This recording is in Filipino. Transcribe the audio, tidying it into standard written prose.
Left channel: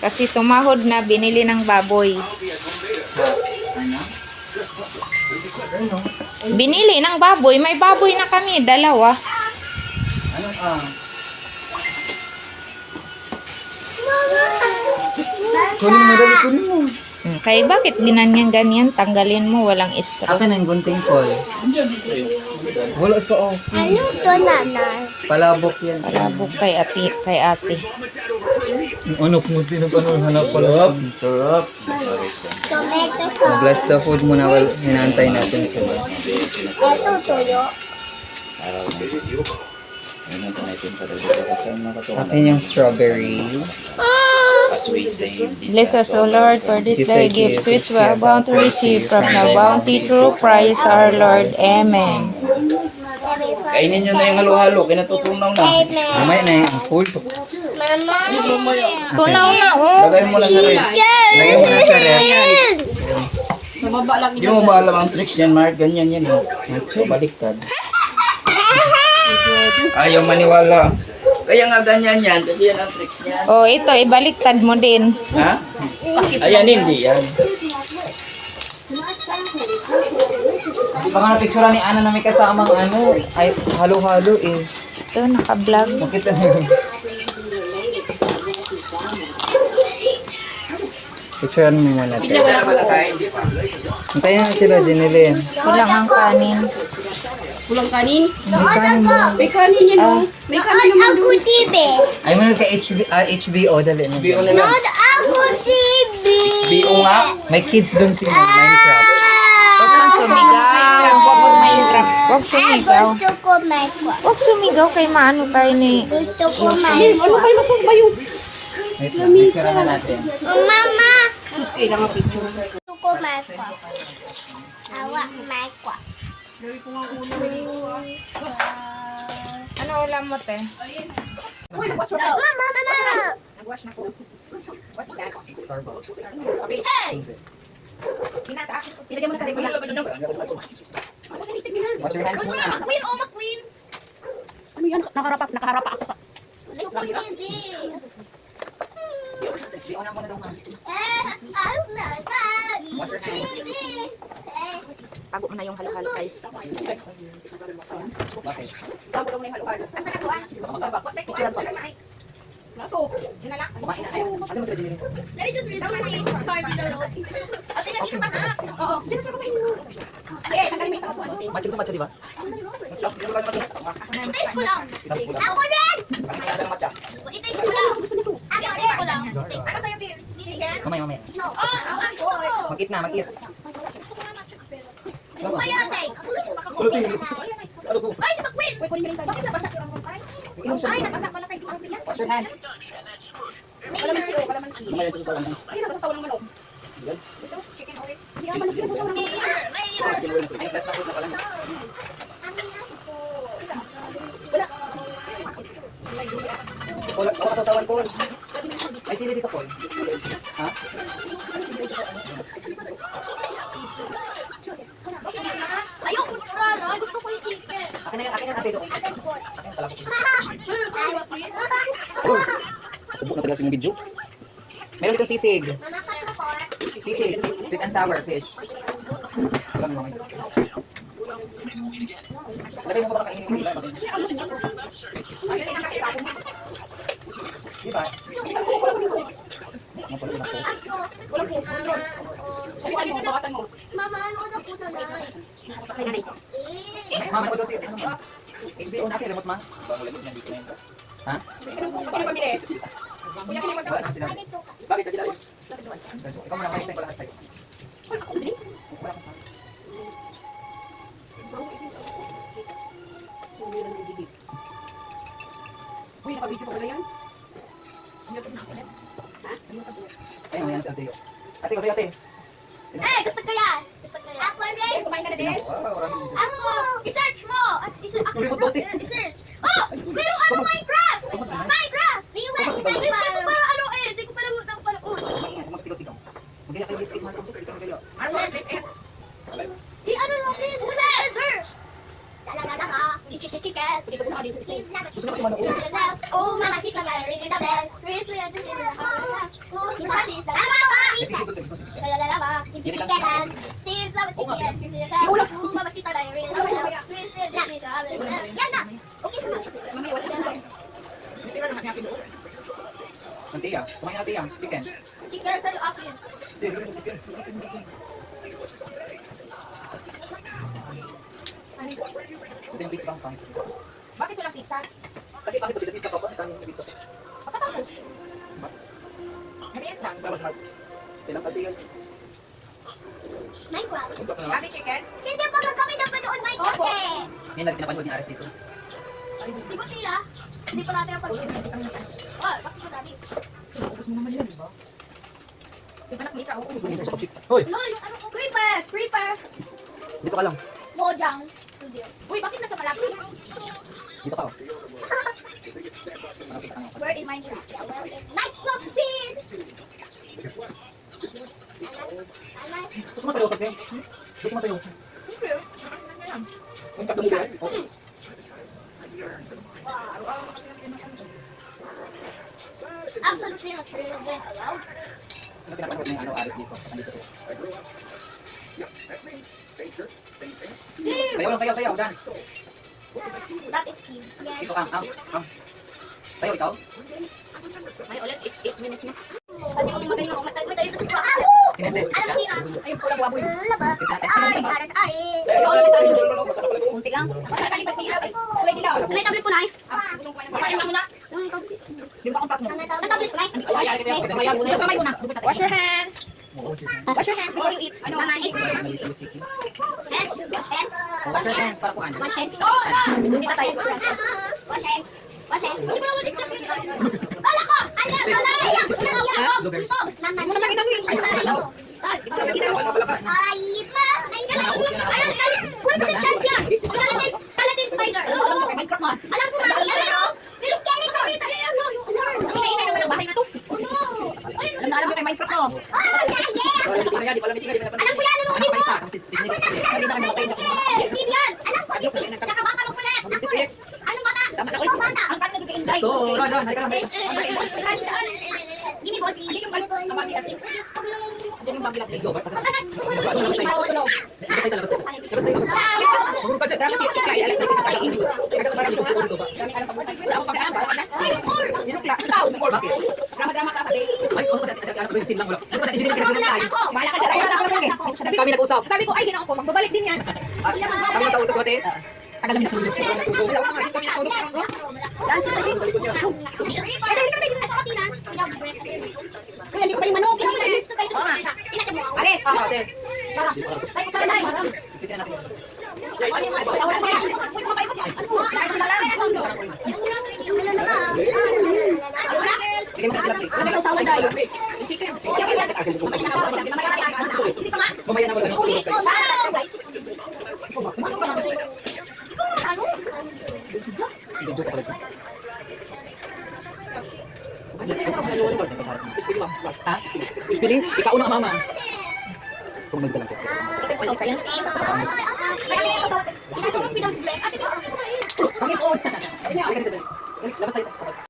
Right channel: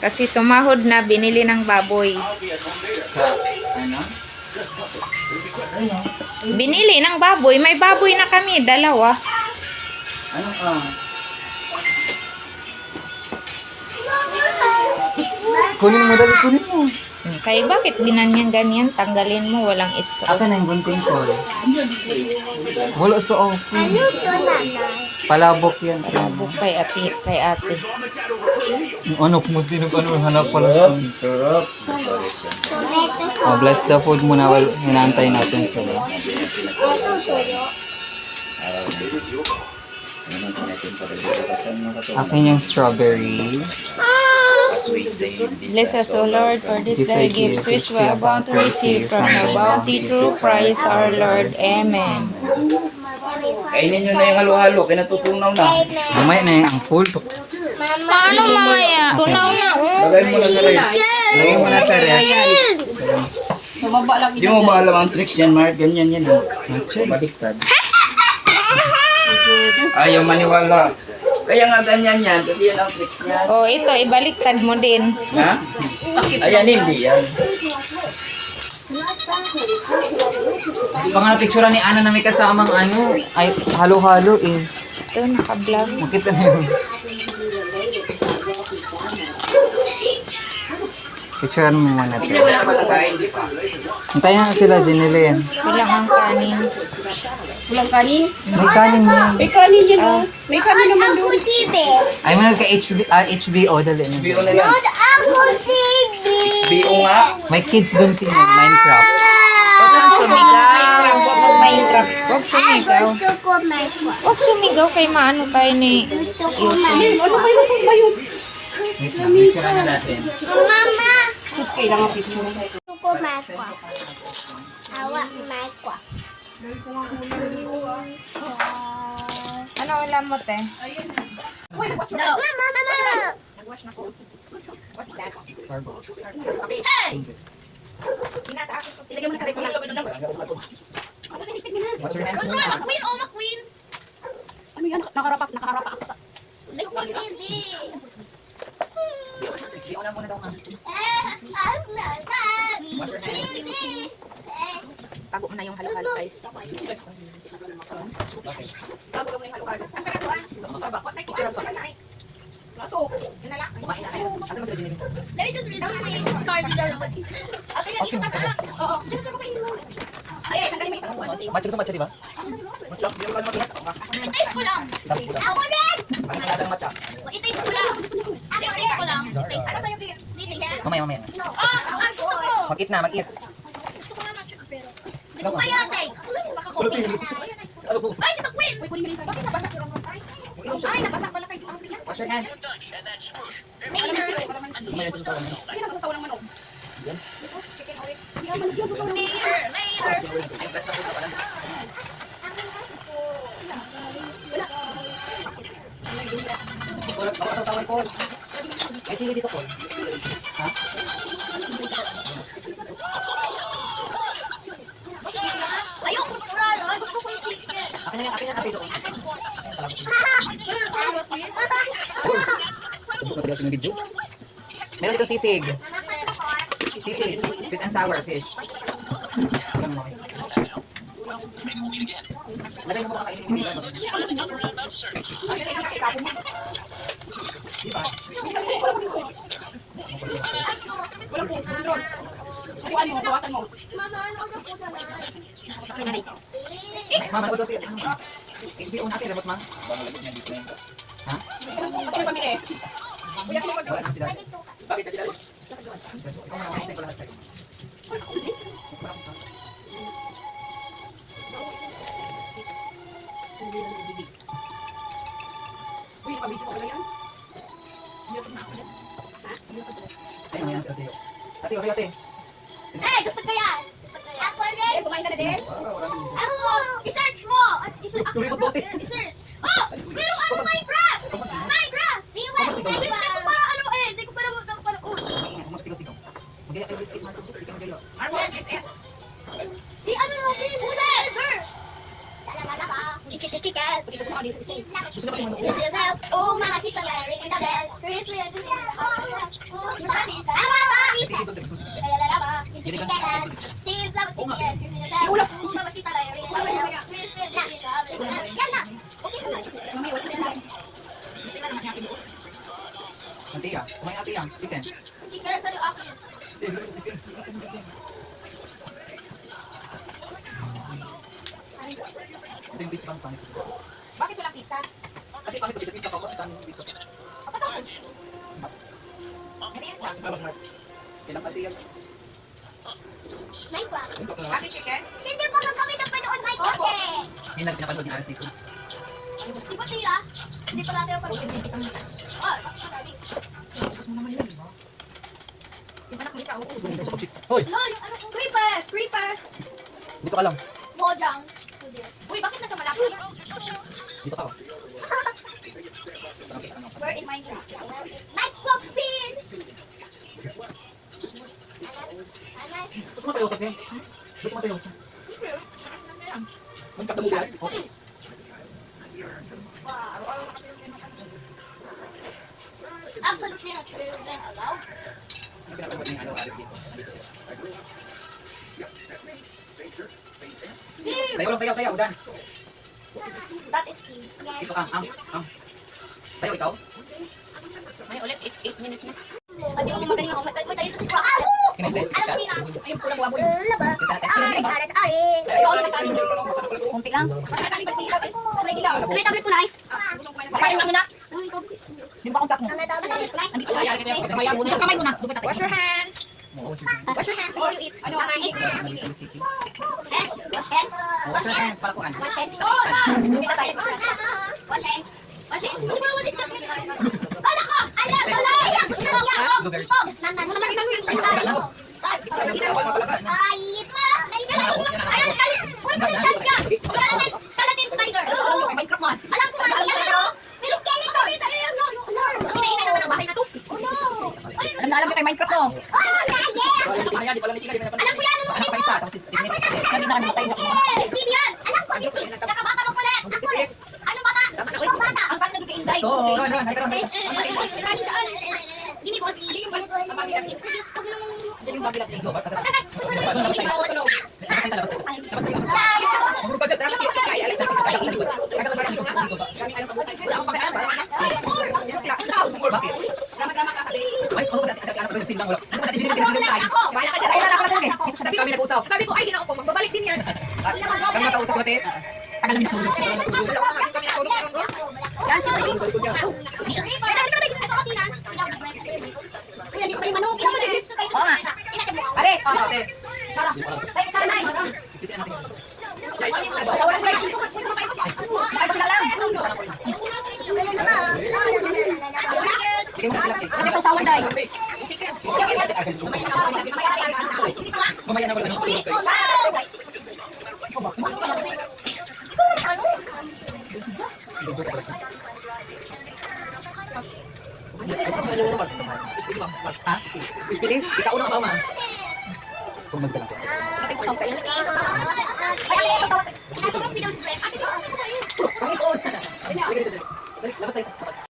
Kasi sumahod na, binili ng baboy. Ano? Binili ng baboy. May baboy na kami, dalawa. Ano ka? Kunin mo, dali, kunin mo. Kaya bakit ganyan? Tanggalin mo, walang straw. Akin na yung gunting ko. Wala sa okay. Ano to, nanay? Palabok yan. Palabok kay ate. Yung anak mo, hanap pala. Sarap. Tomato. Bless the food muna while hinantay natin sila. Ito, suyo. Akin yung strawberry. Bless us, O Lord, for this thy gifts which we are bound to receive from the bounty through Christ our Lord. Amen. Kainin nyo na yung halo-halo, kinatutunaw na. Mamaya na yung ampul. Mama, ano maya? Tunaw na, oh. Lagay mo lang sa rin. Lagay mo na sa ref. Di mo ba alam ang tricks yan, Mark? Ganyan yan. Baliktad. Ayaw maniwala. Kaya nga ganyan yan, kasi yan ang tricks niya. Oh, ito, ibaliktad mo din. Ha? Ayan, hindi yan. Ito nga picture ni Ana na may kasamang ano, ay halo-halo eh. Ito, naka-vlog. Makita niyo. Picturean mo muna ito. Antayin na sila, Jinilin. Kulang ang kanin. Walang kanin? May kanin mo. May kanin yun, oh. May kanin naman Ako doon. TV. Ay, meron ka HBO, dali. BO na lang. Ako TV. BO nga. May kids doon sila, Minecraft. Huwag kang sumigaw. Minecraft. Huwag sumigaw. Gusto ko Minecraft. Huwag sumigaw kay maano tayo ni... Gusto ko Hey, Minecraft. ano kayo na ba yun? Wait lang, picture na natin. Mama. Sus, kailangan picture. Gusto ko Minecraft. Awa Minecraft. Ano ulam mo, te? Mama, mama. Ilagay mo na sa rep lang. Wash your hands muna. Queen, oh, queen. Ano yan? Nakaharapa ako sa... Gusto ko TV. HBO na muna daw ka. Wash your hands. Tago mo na yung halo-halo, guys. Okay. Tago lang na yung halo-halo. Asa ka to, ah? Picture pa. Plato. Yun na lang. Kumain na tayo. Asan mo sila, Jinilin? Let me just read down my card in the road. Ate, nandito ka na. Oo. Diyan siya kumain. Ay, tanggalin mo yung isang upuan. Matcha sa matcha, di ba? Taste ko lang. Ako rin. Bakit kaya ng matcha? I-taste ko lang. Ate, taste ko lang. Ano sa'yo, Tin? Taste? Mamaya, mamaya. No. Oh, ang gusto ko. Mag-eat na, mag-eat. Ano ba yan, ate? Baka coffee. Ay, si Queen! Uy, kunin mo rin tayo. Bakit nabasa si Ramon tayo? Ay, nabasa pala kay Pang Tia. Wash your hands. Kalamansi, oh, kalamansi. Kaya nagsasawa ng manok. Ito, chicken ulit. Kaya manok yan. Later. Paul, ako kasasawan, Paul. Ay, sili dito, Paul. Ha? Ayoko na. Gusto ko yung chicken. Akin na yan, ate doon. Ubok na talaga sa video. Meron ditong sisig. Sisig. Sweet and sour, sis. Alam mo lang eh. Lagay mo ba kakainin mo, di ba? Di ba? Salihan mo, bawasan mo. Mama, ano ka na po na Mama, ano daw siya? Ano ma? HBO na remote ma? Ha? Ano pamili? Wala na sila. Bakit ka dito? Ikaw muna, may ko lahat sa'yo. Wala akong kaya. Uy, nakabidyo pa pala yan. Ayun, may yan si ate. Ate, ate, ate. Eh, gusto ko yan. Gusto ko yan. Ako rin. Kumain ka na din? Wow, maraming video. Ako. I-search mo. I-search. Ako Remote bote. I-search. Oh, meron ano Minecraft. Minecraft. Hindi ko pa ano eh. Hindi ko pa napanood. Maingay, kung magsigaw-sigaw. Magaya kayo, let's eat Marcos. Ito magaya. I-ano natin. Burger. Talaga. Chicken. Gusto na kasi manood. Oh, mama, chicken. Ring the bell. Ring the bell. Nantiya. Kumain natin yan. Chicken. Chicken sa'yo akin. Kasi yung pizza pang Bakit walang pizza? Kasi bakit pagdating pizza ko, ang dami ng pizza ko. Pagkatapos. Merienda. Kailang pati yan. Minecraft. Ate chicken? Hindi pa man kami napanood Minecraft Opo. eh. Ngayon lang pinapanood ni Aras dito. Di ba tira? Hindi pa natin napanood. Oh, bakit madami? Yung anak mo isa, oo. Hoy! No, yung ano, creeper. Creeper. Dito ka lang. Mojang Studios. Uy, bakit nasa malaki? Dito ka. Where in Minecraft? Minecraft bin. Ba't masayo kasi? Ba't masayo? Punta ka mo yan? Okay. Absolutely not children allowed. Ano pinapanood na yung ano, Aras dito? Nandito sila. Sayaw lang, sayaw, dance. That is key. Ito, ang. Sayaw, ikaw? May ulit, 8 minutes na. Hindi mo magaling ako. Madali ito si Brock. Hindi. Alam tira. Ayun po lang baboy. Laba. Aris, aris, aris. Ikaw ulit sa akin. Kunti lang. Masasaling pagkilap. Ready lang. Ano yung tablet ko na eh? Kakain lang muna. Yung bakong plak mo. Ano yung tablet? Andi ko yaya kita. Kamay muna. Kamay muna. Wash your hands. Oo, sige. Wash your hands before you eat. Ano? Hand. Wash hand. Wash your hands para po ano. Wash hand. Hindi na tayo. Wash hand. Wash hand. Hindi ko naman disturb yun. Ala ko! Ala! Salay! Ako sa niya! Ay, ma! Ayan, Uy, may chance yan! Skeleton spider! Minecraft man. Alam ko nga, ayan o! May skeleton! Hinahina naman ang bahay na to. Oh no! Alam na alam niyo kay Minecraft to. Oh, yeah! Alam ko yan! Ano Ano pa isa? Tapos tinit. Hindi na kami makay. Miss Steve yan! Alam ko, Miss Steve! Tsaka bata mo kulit! Ako ulit! Anong bata? Ikaw bata! Ang paano naging inday? Go, Ron, halika lang. Give me ball, please. Yung balik ang babilap. Diyan yung babilap. Go, ba't pagkat? Labas tayo. Labas tayo, labas tayo. Labas tayo, labas tayo. Pagka drama si Kaya, alas na si Kaya. Tagal para dito, dito ba? Dami ka ng pabutan. Ako pagkaan ba? Ikaw. Bakit? Drama-drama ka sabi. Ay, ano ba dati? Ano ba sin lang wala? Ano ba dati? Binili tayo. Bahala ka dyan. Ayun na ako lang eh. Kami nag-usap. Sabi ko, ay, ginao ko. Magbabalik din yan. Kami makausap ko natin. Tagal namin natulog. Dalawa na kami natulog. Kasi ito Kaya hindi ko pa yung manok. Ares. Ate. Ay, kasama na. Titignan natin. Wala pa yun. Bigay mo ng plastic. Ano sa sawa dahil? Mamaya na wala nang tulog kayo. Video ka pala. Ha? Pili? Ikaw una ka mama. Kung magdala ko. Labas tayo.